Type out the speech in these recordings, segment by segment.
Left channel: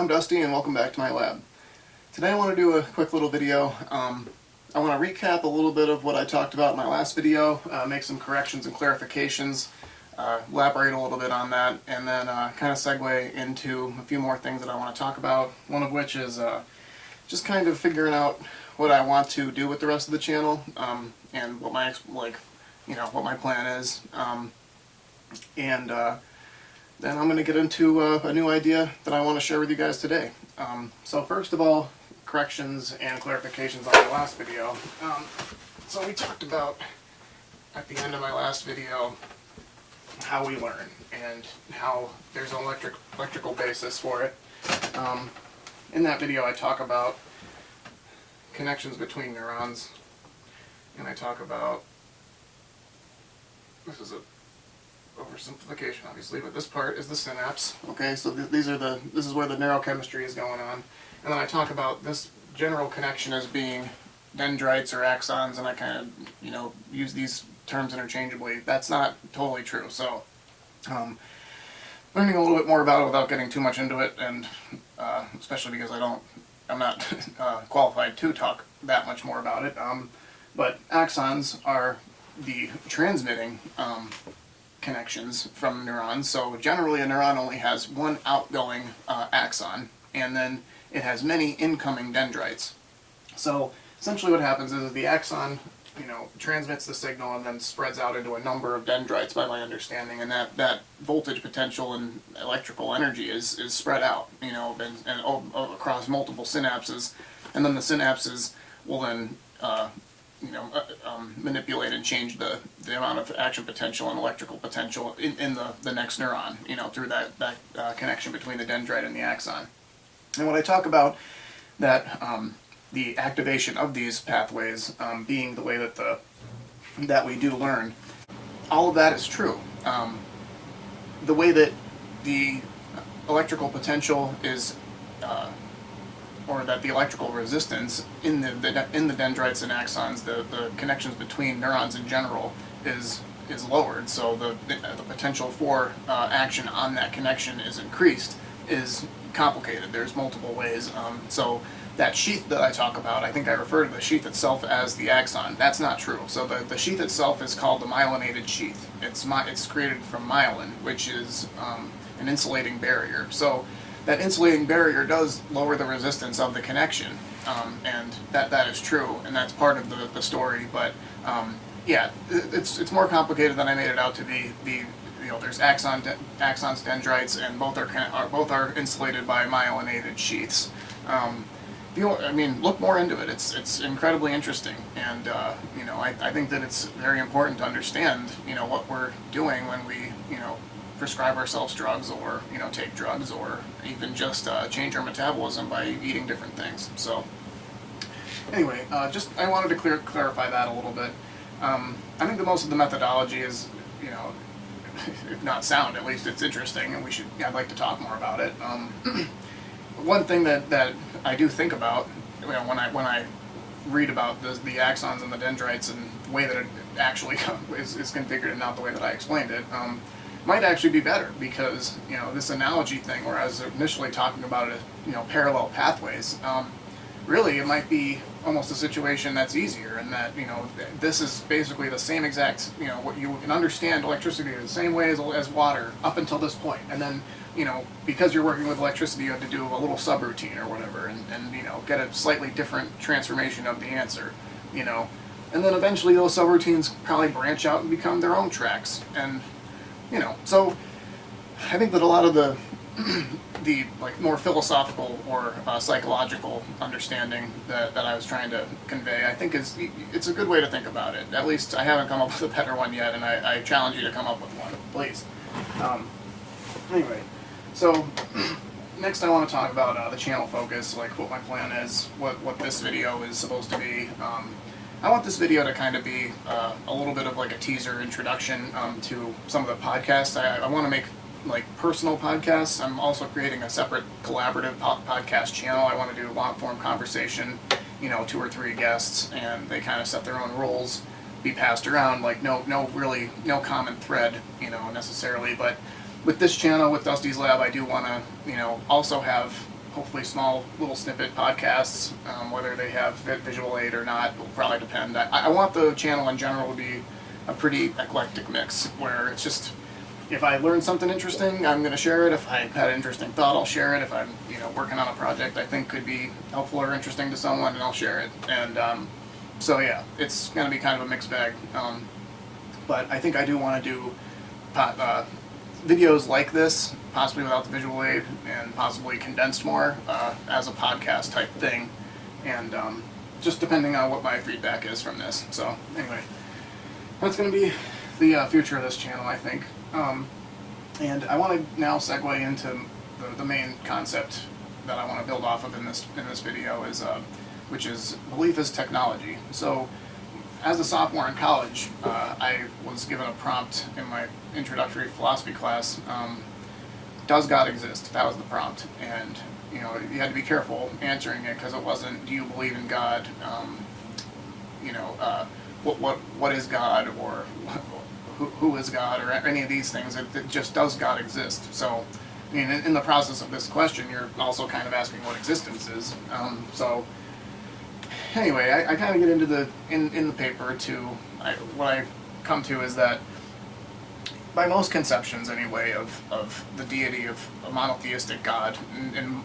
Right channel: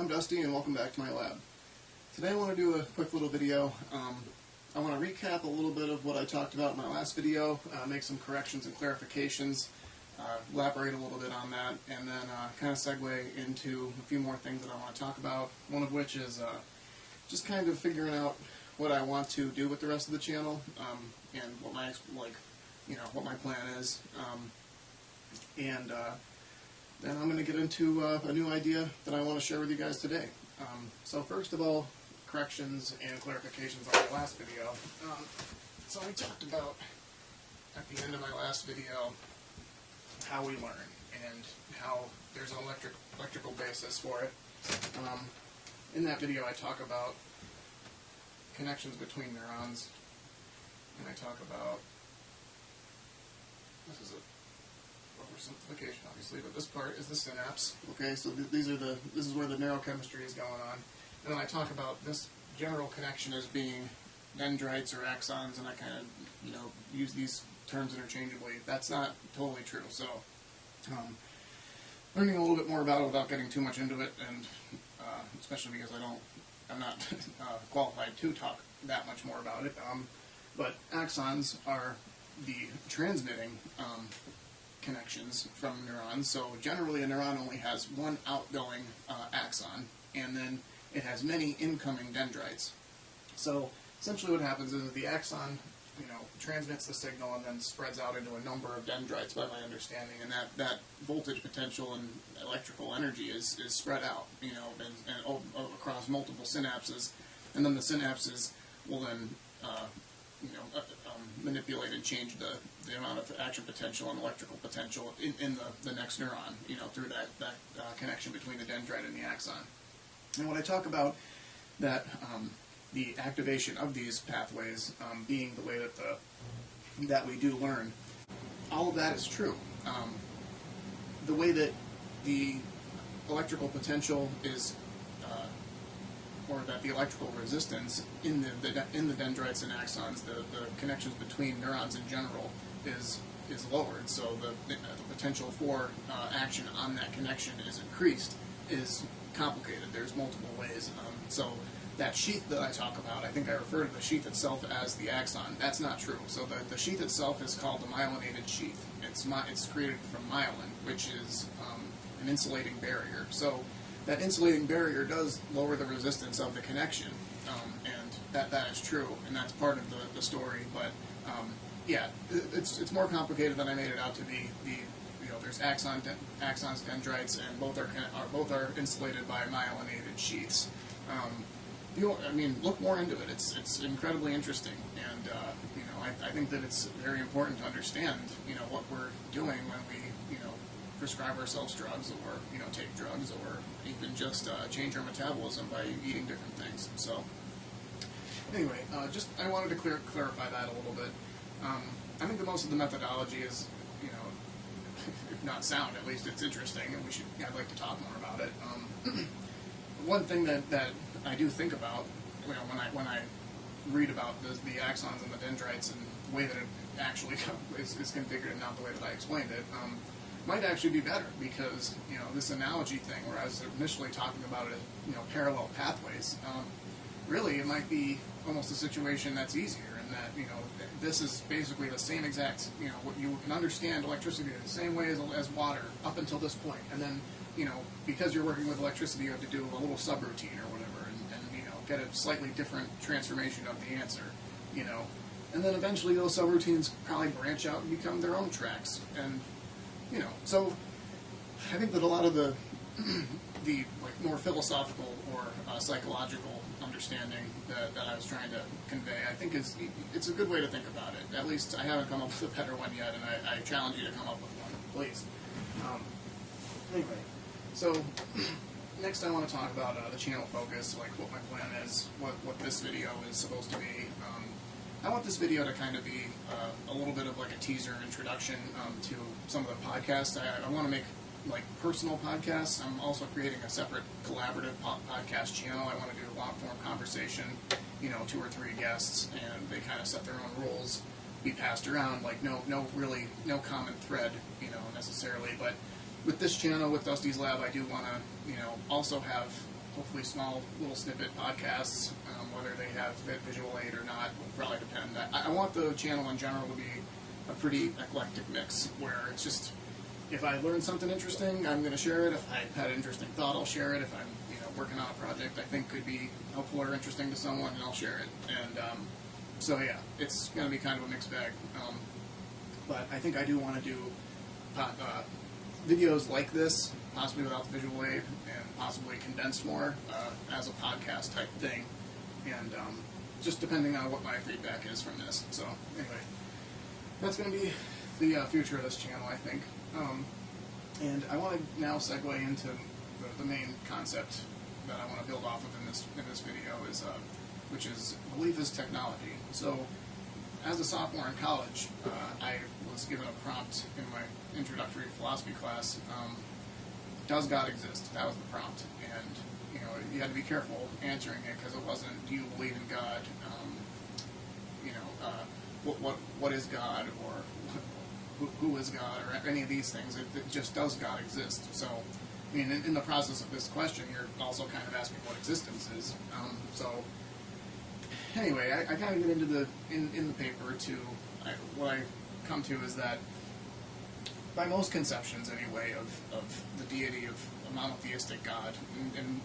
I'm Dusty and welcome back to my lab. Today I want to do a quick little video. I want to recap a little bit of what I talked about in my last video, make some corrections and clarifications, elaborate a little bit on that, and then kind of segue into a few more things that I want to talk about, one of which is just kind of figuring out what I want to do with the rest of the channel, and what my what my plan is, and then I'm going to get into a new idea that I want to share with you guys today. So first of all, corrections and clarifications on my last video. So we talked about, at the end of my last video, how we learn and how there's an electrical basis for it. In that video I talk about connections between neurons, and I talk about, this is a oversimplification obviously, but this part is the synapse. Okay, so this is where the neurochemistry is going on, and then I talk about this general connection as being dendrites or axons, and I kind of use these terms interchangeably. That's not totally true. So learning a little bit more about it without getting too much into it, and especially because I'm not qualified to talk that much more about it. But axons are the transmitting connections from neurons. So generally a neuron only has one outgoing axon, and then it has many incoming dendrites. So essentially what happens is the axon transmits the signal and then spreads out into a number of dendrites, by my understanding, and that voltage potential and electrical energy is spread out and across multiple synapses, and then the synapses will then manipulate and change the amount of action potential and electrical potential in the next neuron, through that connection between the dendrite and the axon. And when I talk about that, the activation of these pathways being the way that we do learn, all of that is true. The way that the electrical potential is or that the electrical resistance in the dendrites and axons, the connections between neurons in general, is lowered. So the potential for action on that connection is increased, is complicated. There's multiple ways. So that sheath that I talk about, I think I refer to the sheath itself as the axon. That's not true. So the sheath itself is called the myelinated sheath. It's created from myelin, which is an insulating barrier. So that insulating barrier does lower the resistance of the connection, and that is true, and that's part of the story. But yeah, it's more complicated than I made it out to be. There's axons, dendrites, and both are insulated by myelinated sheaths. Look more into it. It's incredibly interesting, and I think that it's very important to understand what we're doing when we prescribe ourselves drugs, or take drugs, or even just change our metabolism by eating different things. So anyway, I wanted to clarify that a little bit. I think that most of the methodology is, if not sound, at least it's interesting, and I'd like to talk more about it. One thing that I do think about when I read about the axons and the dendrites and the way that it actually is configured and not the way that I explained it, might actually be better, because this analogy thing, where I was initially talking about it as parallel pathways, really it might be almost a situation that's easier, and that this is basically the same exact what you can understand electricity the same way as water up until this point, and then because you're working with electricity, you have to do a little subroutine or whatever, and get a slightly different transformation of the answer, and then eventually those subroutines probably branch out and become their own tracks, and so I think that a lot of the more philosophical or psychological understanding that I was trying to convey, I think it's a good way to think about it. At least I haven't come up with a better one yet, and I challenge you to come up with one, please. Anyway, so next I want to talk about the channel focus, like what my plan is, what this video is supposed to be. I want this video to kind of be a little bit of like a teaser introduction to some of the podcasts. I want to make personal podcasts. I'm also creating a separate collaborative podcast channel. I want to do long-form conversation, 2 or 3 guests, and they kind of set their own rules, be passed around, no common thread, necessarily. But with this channel, with Dusty's Lab, I do want to, also have hopefully small little snippet podcasts. Whether they have visual aid or not will probably depend. I want the channel in general to be a pretty eclectic mix, where it's just, if I learn something interesting, I'm going to share it. If I had an interesting thought, I'll share it. If I'm, working on a project I think could be helpful or interesting to someone, and I'll share it. And so yeah, it's going to be kind of a mixed bag. But I think I do want to do videos like this, possibly without the visual aid, and possibly condensed more as a podcast type thing. And just depending on what my feedback is from this. So anyway, that's going to be the future of this channel, I think. And I want to now segue into the main concept that I want to build off of in this video, is which is belief as technology. So as a sophomore in college, I was given a prompt in my introductory philosophy class. Does God exist? That was the prompt, and you had to be careful answering it, because it wasn't, do you believe in God? What is God, or who is God, or any of these things. It just, does God exist? So, I mean, in the process of this question, you're also kind of asking what existence is. So, anyway, I kind of get into in the paper what I come to is that by most conceptions, anyway, of the deity of a monotheistic God in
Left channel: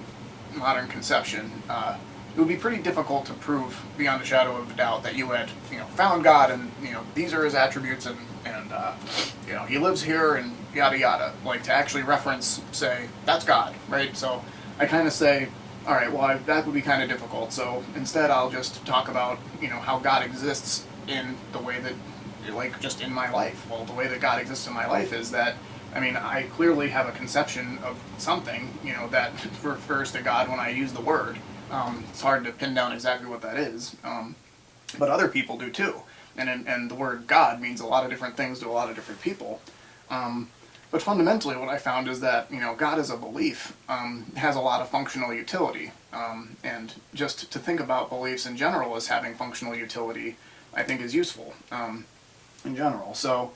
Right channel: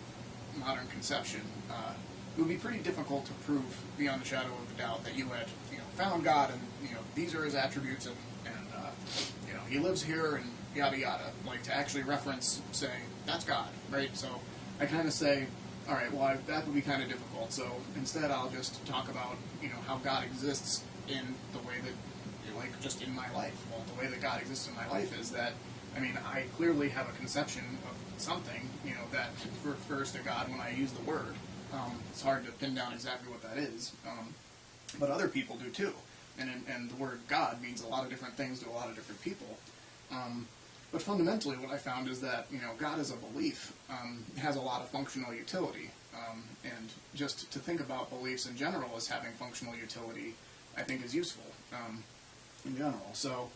modern conception, it would be pretty difficult to prove beyond a shadow of a doubt that you had, found God, and these are his attributes, and he lives here, and yada yada. Like, to actually reference, say, that's God, right? So I kind of say, all right, well, that would be kind of difficult. So instead, I'll just talk about how God exists in the way that, like, just in my life. Well, the way that God exists in my life is that, I mean, I clearly have a conception of something, that refers to God when I use the word. It's hard to pin down exactly what that is, but other people do too. And the word God means a lot of different things to a lot of different people. But fundamentally, what I found is that, God as a belief has a lot of functional utility. And just to think about beliefs in general as having functional utility, I think is useful in general. So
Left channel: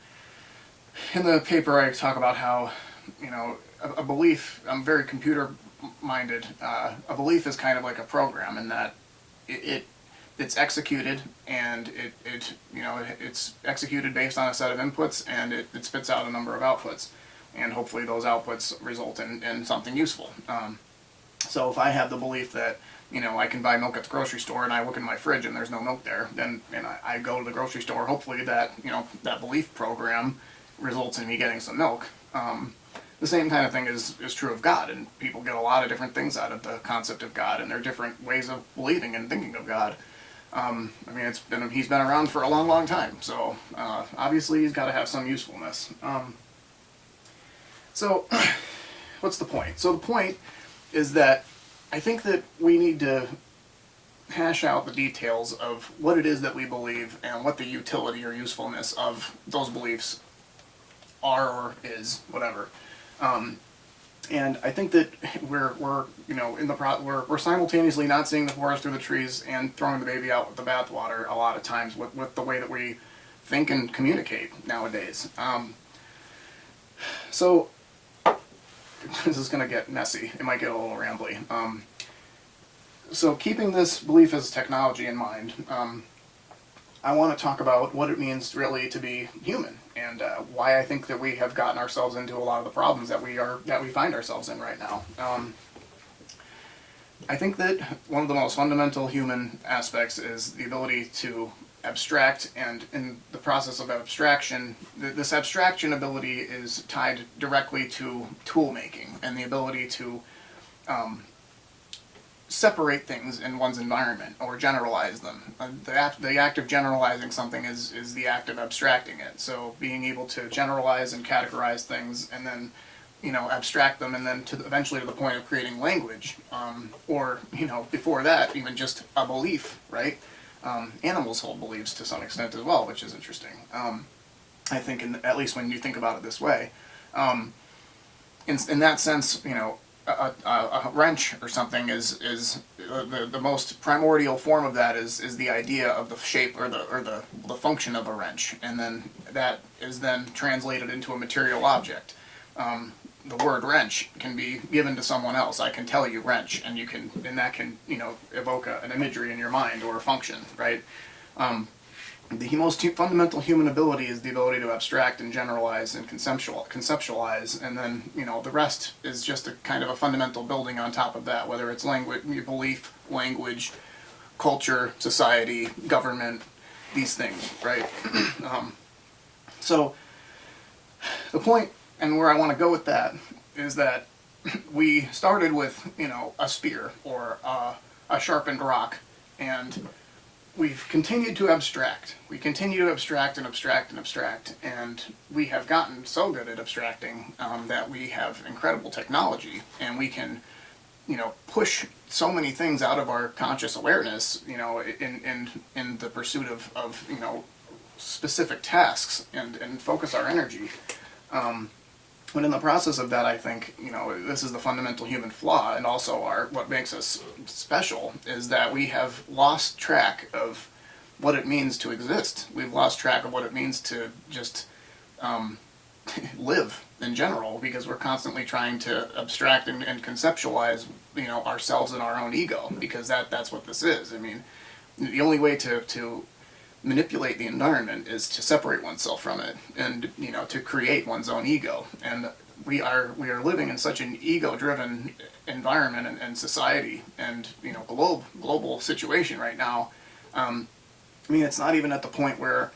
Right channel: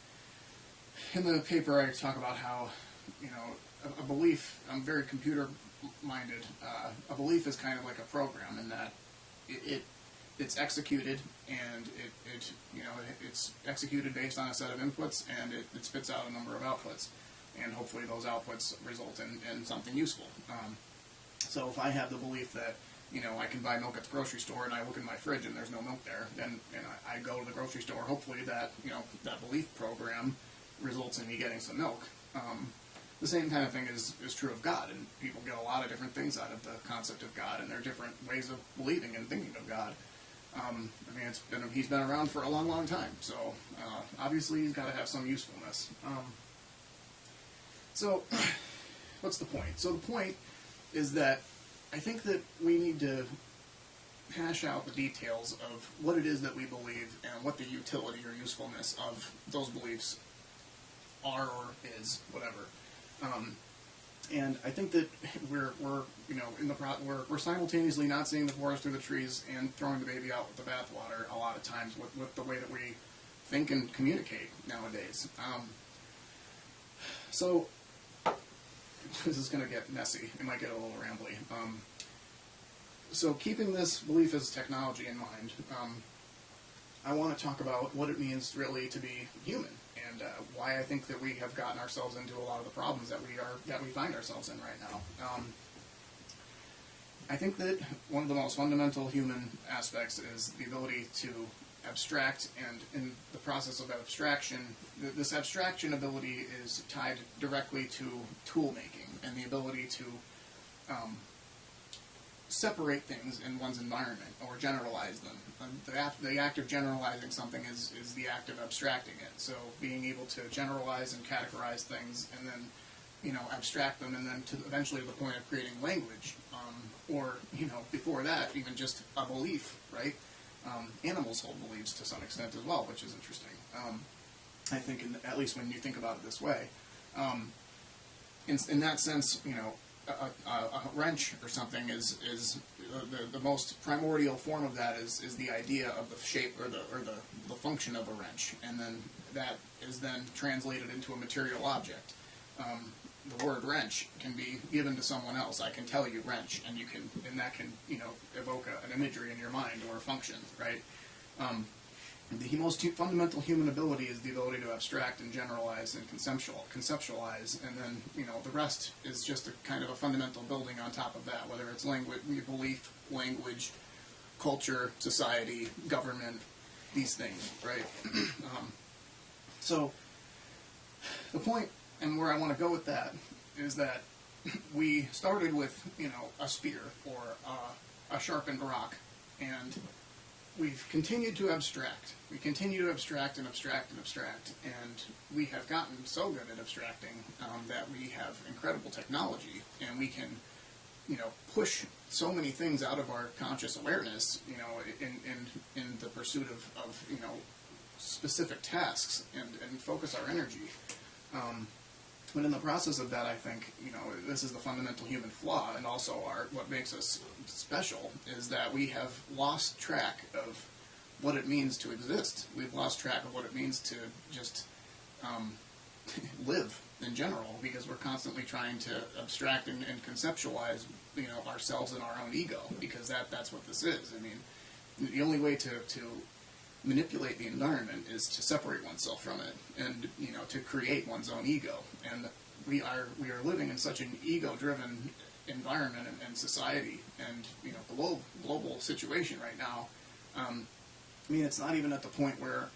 in the paper, I talk about how, a belief, I'm very computer-minded, a belief is kind of like a program, in that it's executed, and it's executed based on a set of inputs, and it spits out a number of outputs, and hopefully those outputs result in something useful. So if I have the belief that I can buy milk at the grocery store, and I look in my fridge and there's no milk there, then I go to the grocery store, hopefully that that belief program results in me getting some milk. The same kind of thing is true of God, and people get a lot of different things out of the concept of God, and there are different ways of believing and thinking of God. I mean, he's been around for a long, long time, so obviously he's got to have some usefulness. So, what's the point? So the point is that I think that we need to hash out the details of what it is that we believe, and what the utility or usefulness of those beliefs are, or is, whatever. And I think that we're simultaneously not seeing the forest through the trees and throwing the baby out with the bathwater a lot of times with the way that we think and communicate nowadays. So this is going to get messy. It might get a little rambly. So keeping this belief as technology in mind, I want to talk about what it means really to be human, and why I think that we have gotten ourselves into a lot of the problems that we find ourselves in right now. I think that one of the most fundamental human aspects is the ability to abstract, and in the process of abstraction, this abstraction ability is tied directly to tool making, and the ability to separate things in one's environment, or generalize them. The act of generalizing something is the act of abstracting it. So being able to generalize and categorize things, and then abstract them, and then eventually to the point of creating language, or before that even just a belief, right? Animals hold beliefs to some extent as well, which is interesting. I think, at least when you think about it this way, in that sense, a wrench or something is the most primordial form of that is the idea of the shape or the function of a wrench, and then that is then translated into a material object. the word wrench can be given to someone else. I can tell you wrench, and that can, evoke an imagery in your mind or a function, right? The most fundamental human ability is the ability to abstract and generalize and conceptualize, and then, the rest is just a kind of a fundamental building on top of that, whether it's language, belief, language, culture, society, government, these things, right? So the point, and where I want to go with that, is that we started with, a spear or a sharpened rock, and we've continued to abstract. We continue to abstract and abstract and abstract, and we have gotten so good at abstracting that we have incredible technology, and we can, push so many things out of our conscious awareness, in the pursuit of specific tasks and focus our energy. But in the process of that, I think, this is the fundamental human flaw, and also what makes us special, is that we have lost track of what it means to exist. We've lost track of what it means to just live in general, because we're constantly trying to abstract and conceptualize, ourselves and our own ego, because that's what this is. I mean, the only way to manipulate the environment is to separate oneself from it, and to create one's own ego. And we are living in such an ego-driven environment and society, and global situation right now. It's not even at the point where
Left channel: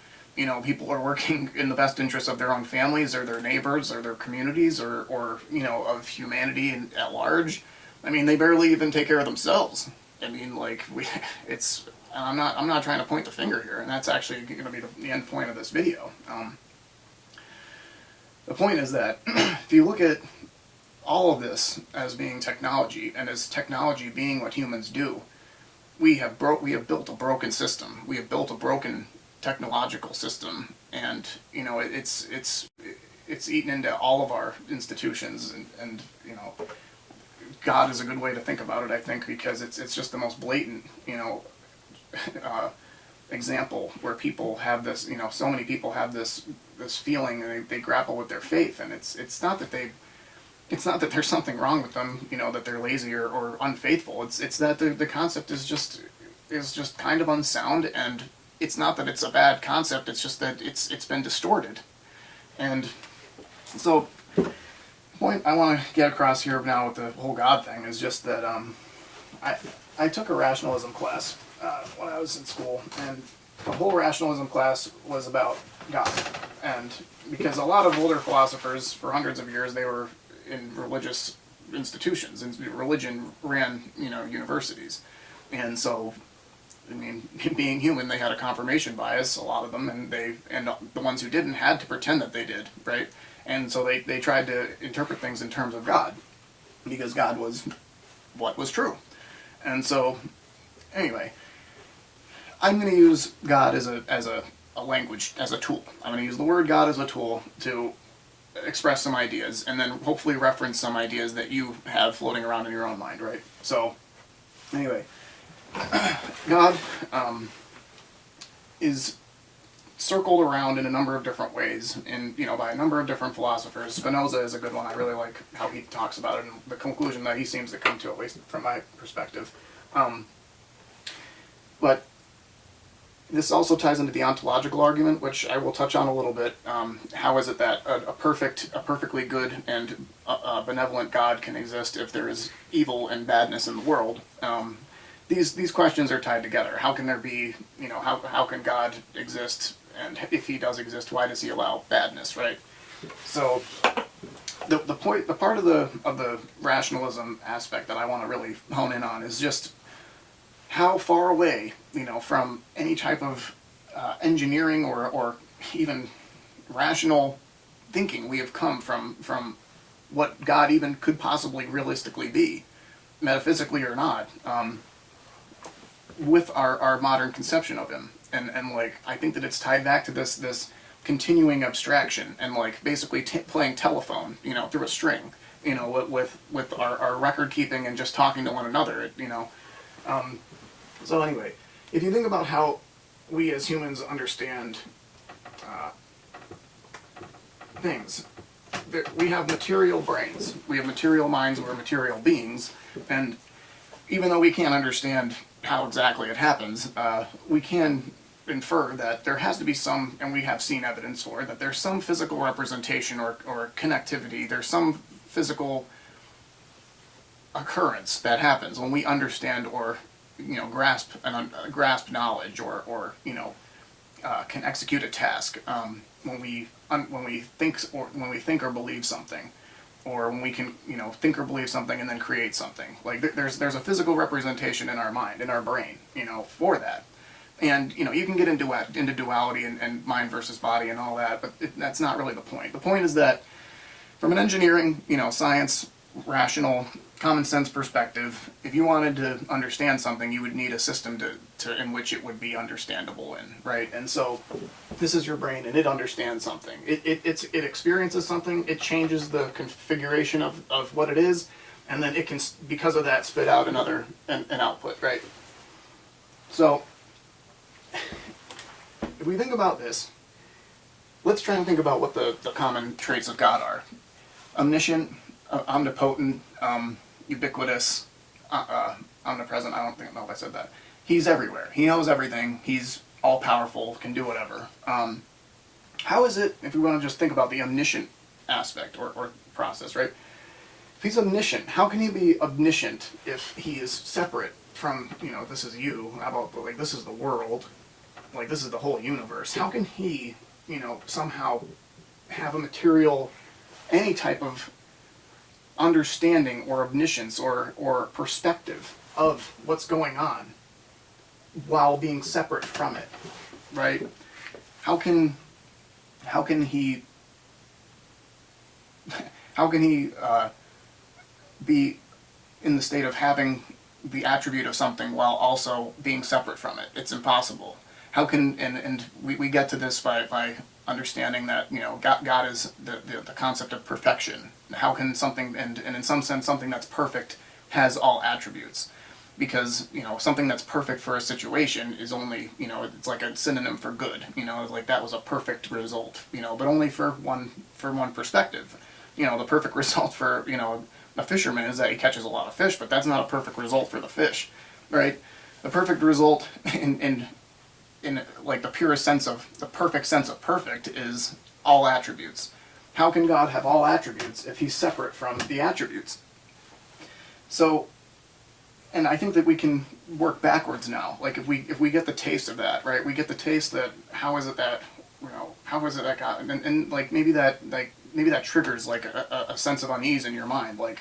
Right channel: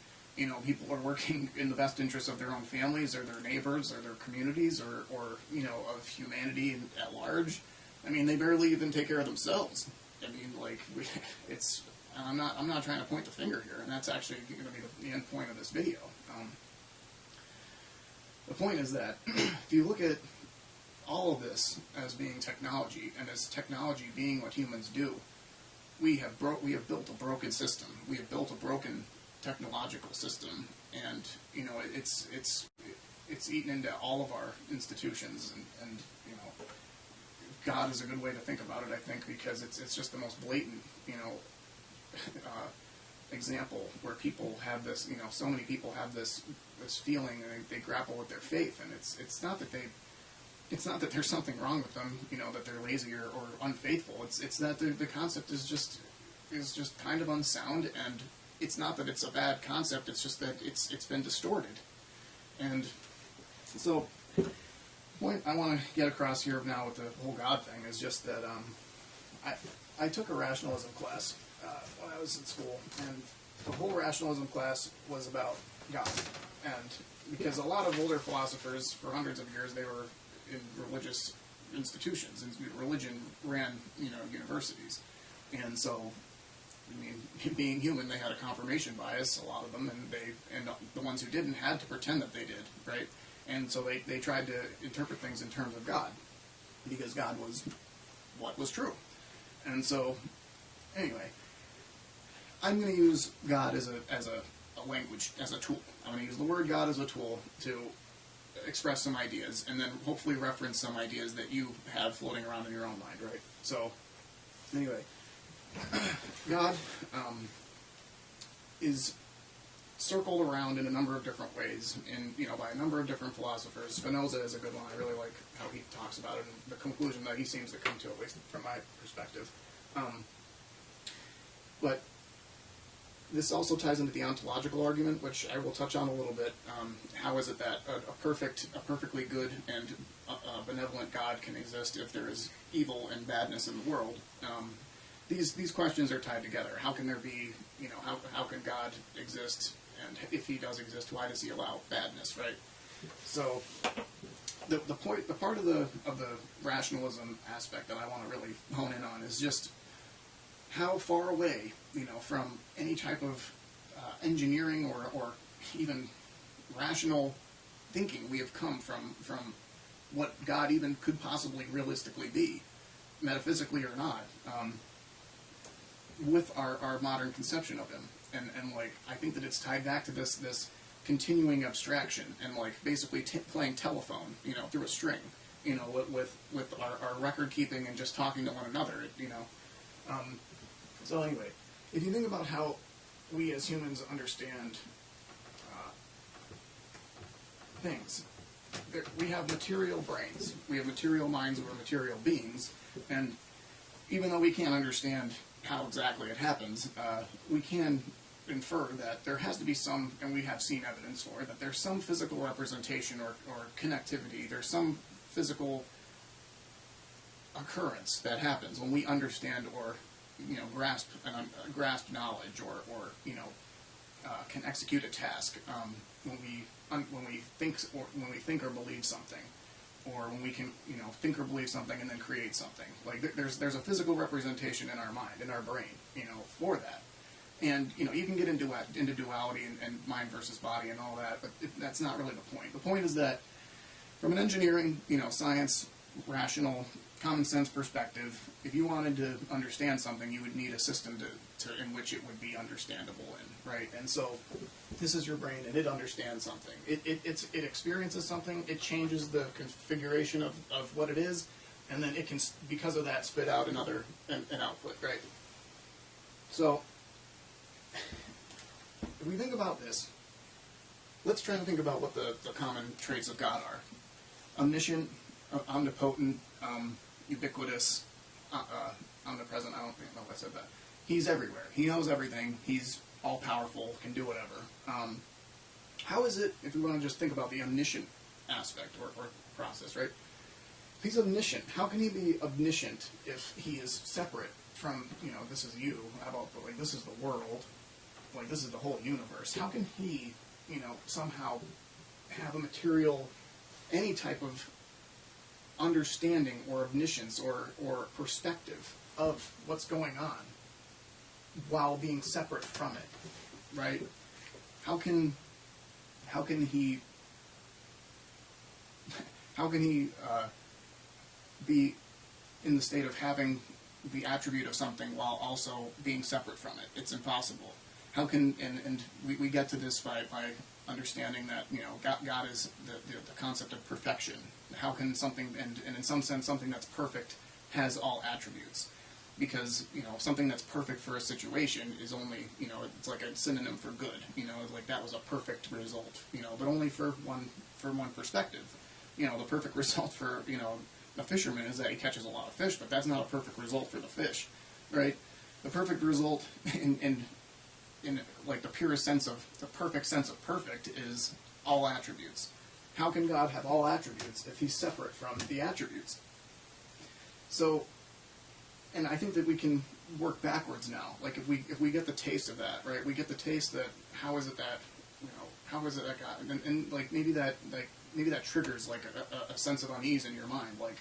people are working in the best interest of their own families or their neighbors or their communities or of humanity at large. They barely even take care of themselves. I'm not trying to point the finger here, and that's actually going to be the end point of this video. The point is that if you look at all of this as being technology, and as technology being what humans do, we have built a broken system. We have built a broken technological system, and it's eaten into all of our institutions, and God is a good way to think about it, I think, because it's just the most blatant example where people have this, so many people have this feeling, and they grapple with their faith, and it's not that there's something wrong with them, that they're lazy or unfaithful. It's that the concept is just kind of unsound, and it's not that it's a bad concept. It's just that it's been distorted. And so the point I want to get across here now with the whole God thing is just that I took a rationalism class when I was in school, and the whole rationalism class was about God. And because a lot of older philosophers, for hundreds of years, they were in religious institutions, and religion ran, universities. And so, being human, they had a confirmation bias, a lot of them, and the ones who didn't had to pretend that they did, right? And so they tried to interpret things in terms of God, because God was what was true. And so, anyway, I'm going to use God as a language, as a tool. I'm going to use the word God as a tool to express some ideas, and then hopefully reference some ideas that you have floating around in your own mind, right? So, anyway, God is circled around in a number of different ways, by a number of different philosophers. Spinoza is a good one. I really like how he talks about it, and the conclusion that he seems to come to, at least from my perspective. But this also ties into the ontological argument, which I will touch on a little bit. How is it that a perfectly good and benevolent God can exist if there is evil and badness in the world? These questions are tied together. How can there be, how can God exist, and if he does exist, why does he allow badness, right? So the part of the rationalism aspect that I want to really hone in on is just how far away, from any type of engineering or even rational thinking we have come from what God even could possibly realistically be, metaphysically or not, with our modern conception of him. And I think that it's tied back to this continuing abstraction, and basically playing telephone, through a string, with our record keeping and just talking to one another, So anyway, if you think about how we as humans understand things, we have material brains, we have material minds, we're material beings, and even though we can't understand how exactly it happens, we can infer that there has to be some, and we have seen evidence for it, that there's some physical representation or connectivity, there's some physical occurrence that happens when we understand or grasp knowledge or can execute a task, when we think or believe something, or when we can think or believe something and then create something. Like there's a physical representation in our mind, in our brain, for that. And you can get into duality and mind versus body and all that, but that's not really the point. The point is that from an engineering, science, rational, common sense perspective, if you wanted to understand something, you would need a system to in which it would be understandable in, right? And so this is your brain, and it understands something. It experiences something. It changes the configuration of what it is, and then it can, because of that, spit out an output, right? So if we think about this, let's try and think about what the common traits of God are. Omniscient, omnipotent, ubiquitous, omnipresent. I don't know if I said that. He's everywhere. He knows everything. He's all-powerful, can do whatever. How is it, if we want to just think about the omniscient aspect or process, right? If he's omniscient, how can he be omniscient if he is separate from, this is you, how about, like, this is the world, like, this is the whole universe. How can he, somehow have a material, any type of understanding or omniscience or perspective of what's going on while being separate from it, right? How can he be in the state of having the attribute of something while also being separate from it? It's impossible. How can, and we get to this by understanding that, God is the concept of perfection. How can something, and in some sense, something that's perfect has all attributes? Because, something that's perfect for a situation is only, it's like a synonym for good. Like that was a perfect result, but only for one perspective. The perfect result for, a fisherman is that he catches a lot of fish, but that's not a perfect result for the fish, right? The perfect result in like the purest sense of, the perfect sense of perfect is all attributes. How can God have all attributes if he's separate from the attributes? So, and I think that we can work backwards now. Like if we get the taste of that, right? We get the taste that how is it that God, and like maybe that triggers like a sense of unease in your mind, like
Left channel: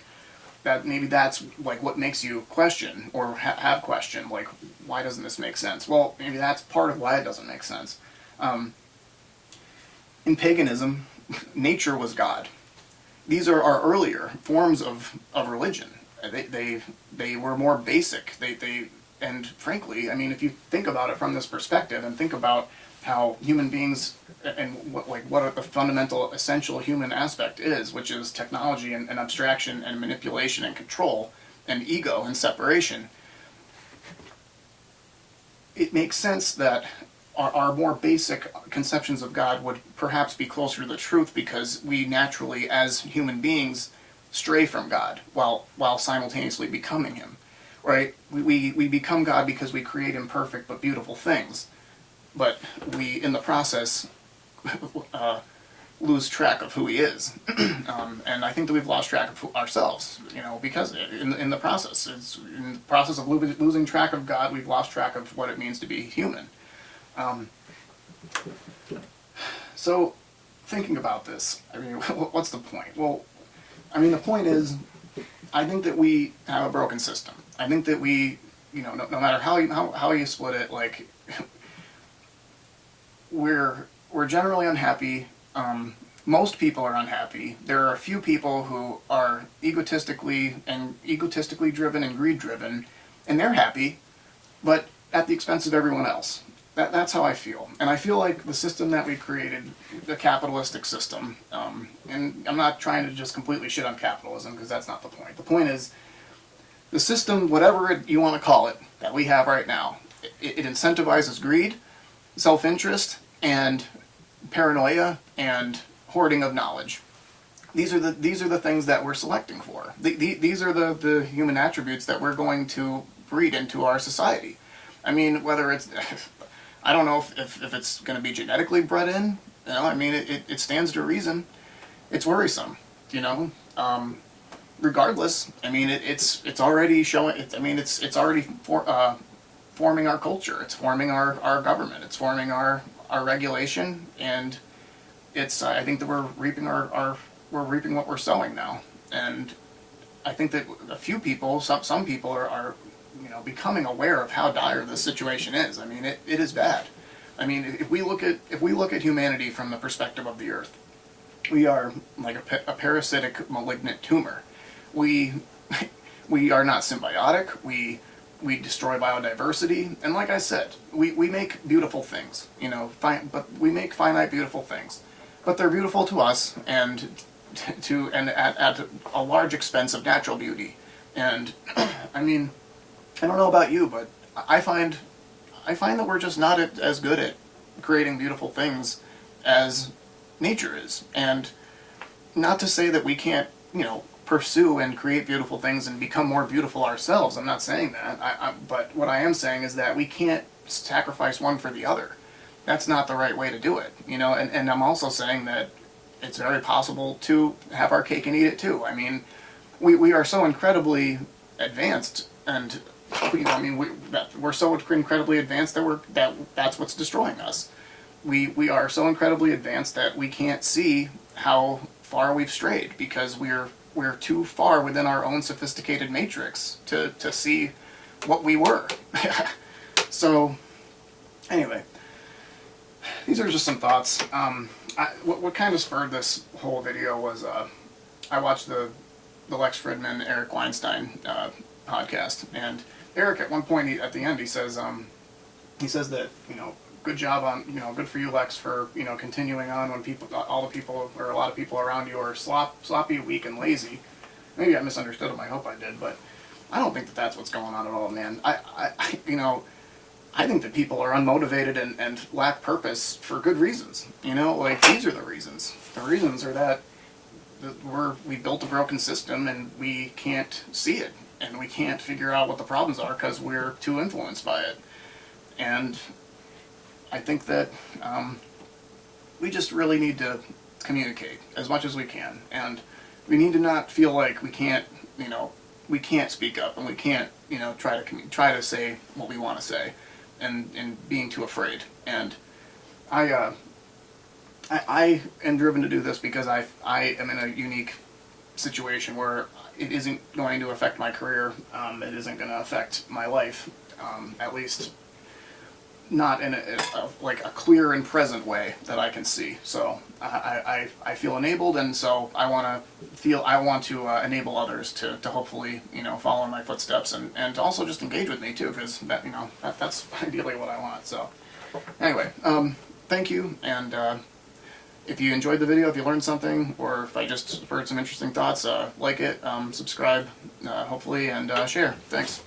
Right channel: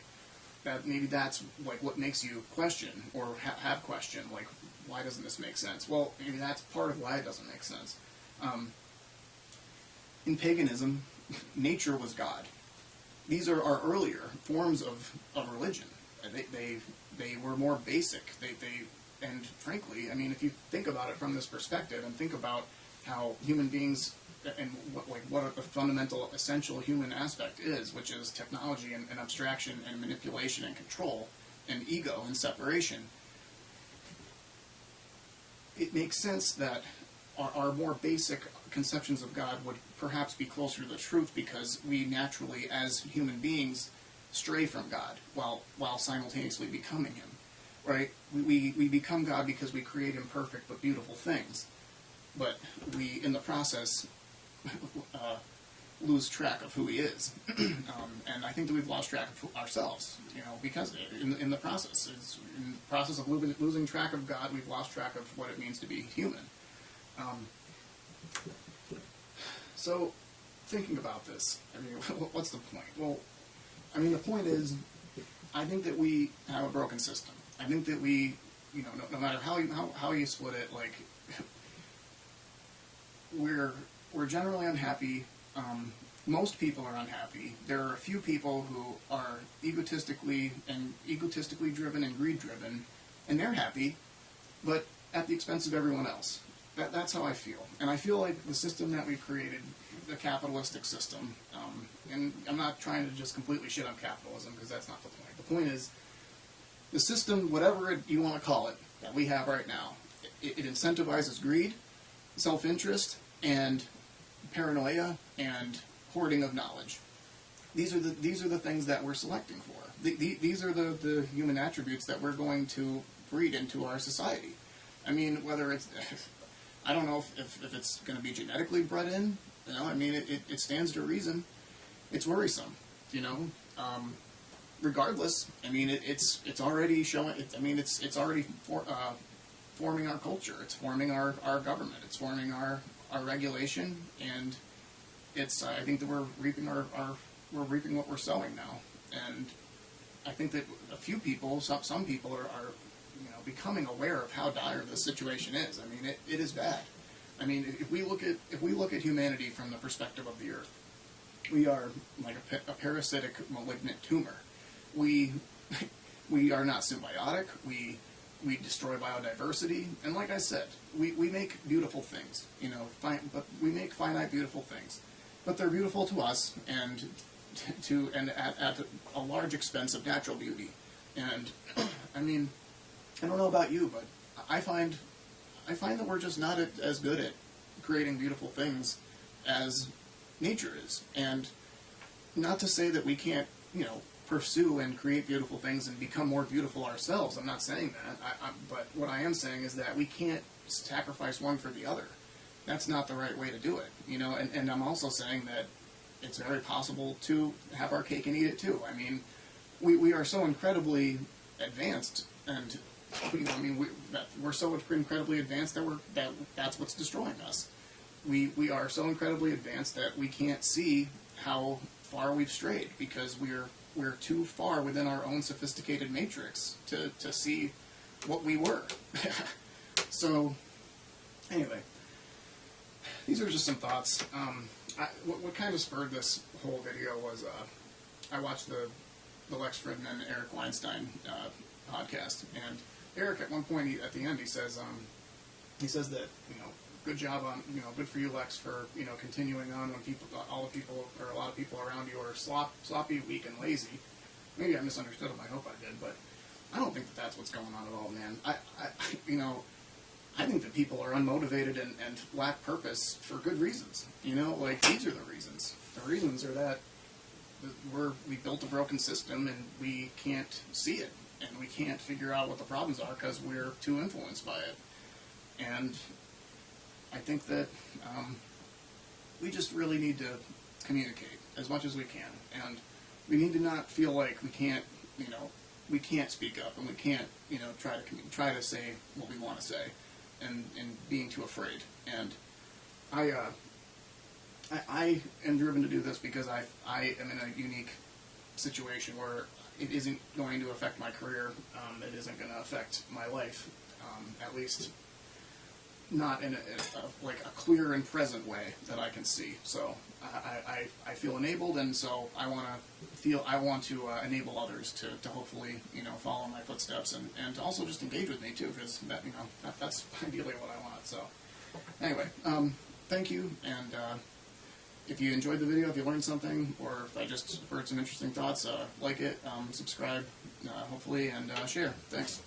that maybe that's like what makes you question or have questioned, like, why doesn't this make sense? Well, maybe that's part of why it doesn't make sense. In paganism, nature was God. These are our earlier forms of religion. They were more basic. And frankly, I mean, if you think about it from this perspective and think about how human beings and what the fundamental essential human aspect is, which is technology and abstraction and manipulation and control and ego and separation, it makes sense that our more basic conceptions of God would perhaps be closer to the truth, because we naturally, as human beings, stray from God while simultaneously becoming him, right? We become God because we create imperfect but beautiful things, but we, in the process, lose track of who he is. And I think that we've lost track of ourselves, because in the process, in the process of losing track of God, we've lost track of what it means to be human. So, thinking about this, I mean, what's the point? Well, I mean, the point is, I think that we have a broken system. I think that we, no matter how you split it, like, we're generally unhappy. Most people are unhappy. There are a few people who are egotistically driven and greed driven, and they're happy, but at the expense of everyone else. That's how I feel. And I feel like the system that we created, the capitalistic system, and I'm not trying to just completely shit on capitalism, because that's not the point. The point is, the system, whatever you want to call it, that we have right now, it incentivizes greed, self-interest, and paranoia, and hoarding of knowledge, these are the things that we're selecting for. These are the human attributes that we're going to breed into our society. I mean, whether it's, I don't know if it's going to be genetically bred in. You know, I mean, it stands to reason. It's worrisome, you know. Regardless, I mean, it's already showing. I mean, it's already forming our culture. It's forming our government. It's forming our regulation, and it's. I think that we're reaping we're reaping what we're sowing now, and I think that a few people, some people are you know, becoming aware of how dire this situation is. I mean, it is bad. I mean, if we look at humanity from the perspective of the Earth, we are like a parasitic, malignant tumor. We are not symbiotic. We destroy biodiversity, and like I said, we make beautiful things. You know, but we make finite, beautiful things, but they're beautiful to us, and at a large expense of natural beauty. And I mean, I don't know about you, but I find that we're just not as good at creating beautiful things as nature is. And not to say that we can't, you know, pursue and create beautiful things and become more beautiful ourselves. I'm not saying that. But what I am saying is that we can't sacrifice one for the other. That's not the right way to do it, you know. And I'm also saying that it's very possible to have our cake and eat it too. I mean, we are so incredibly advanced, and you know, I mean, we're so incredibly advanced that that's what's destroying us. We are so incredibly advanced that we can't see how far we've strayed, because we're too far within our own sophisticated matrix to see what we were. So anyway, these are just some thoughts. What kind of spurred this whole video was I watched the Lex Fridman, Eric Weinstein podcast, and Eric at one point at the end he says that, you know, good job on, you know, good for you, Lex, for, you know, continuing on when all the people or a lot of people around you are sloppy, weak, and lazy. Maybe I misunderstood him. I hope I did, but I don't think that that's what's going on at all, man. You know, I think that people are unmotivated and lack purpose for good reasons. You know, like, these are the reasons. The reasons are that we built a broken system and we can't see it, and we can't figure out what the problems are because we're too influenced by it. And I think that we just really need to communicate as much as we can, and we need to not feel like we can't, you know, we can't speak up, and we can't, you know, try to say what we want to say, and being too afraid. And I am driven to do this because I am in a unique situation where it isn't going to affect my career. It isn't going to affect my life, at least not in like a clear and present way that I can see. So I feel enabled, and so I want to enable others to hopefully, you know, follow in my footsteps, and to also just engage with me too, because that, you know, that's ideally what I want. So anyway, thank you, and if you enjoyed the video, if you learned something, or if I just spurred some interesting thoughts, like it, subscribe, hopefully, and share. Thanks.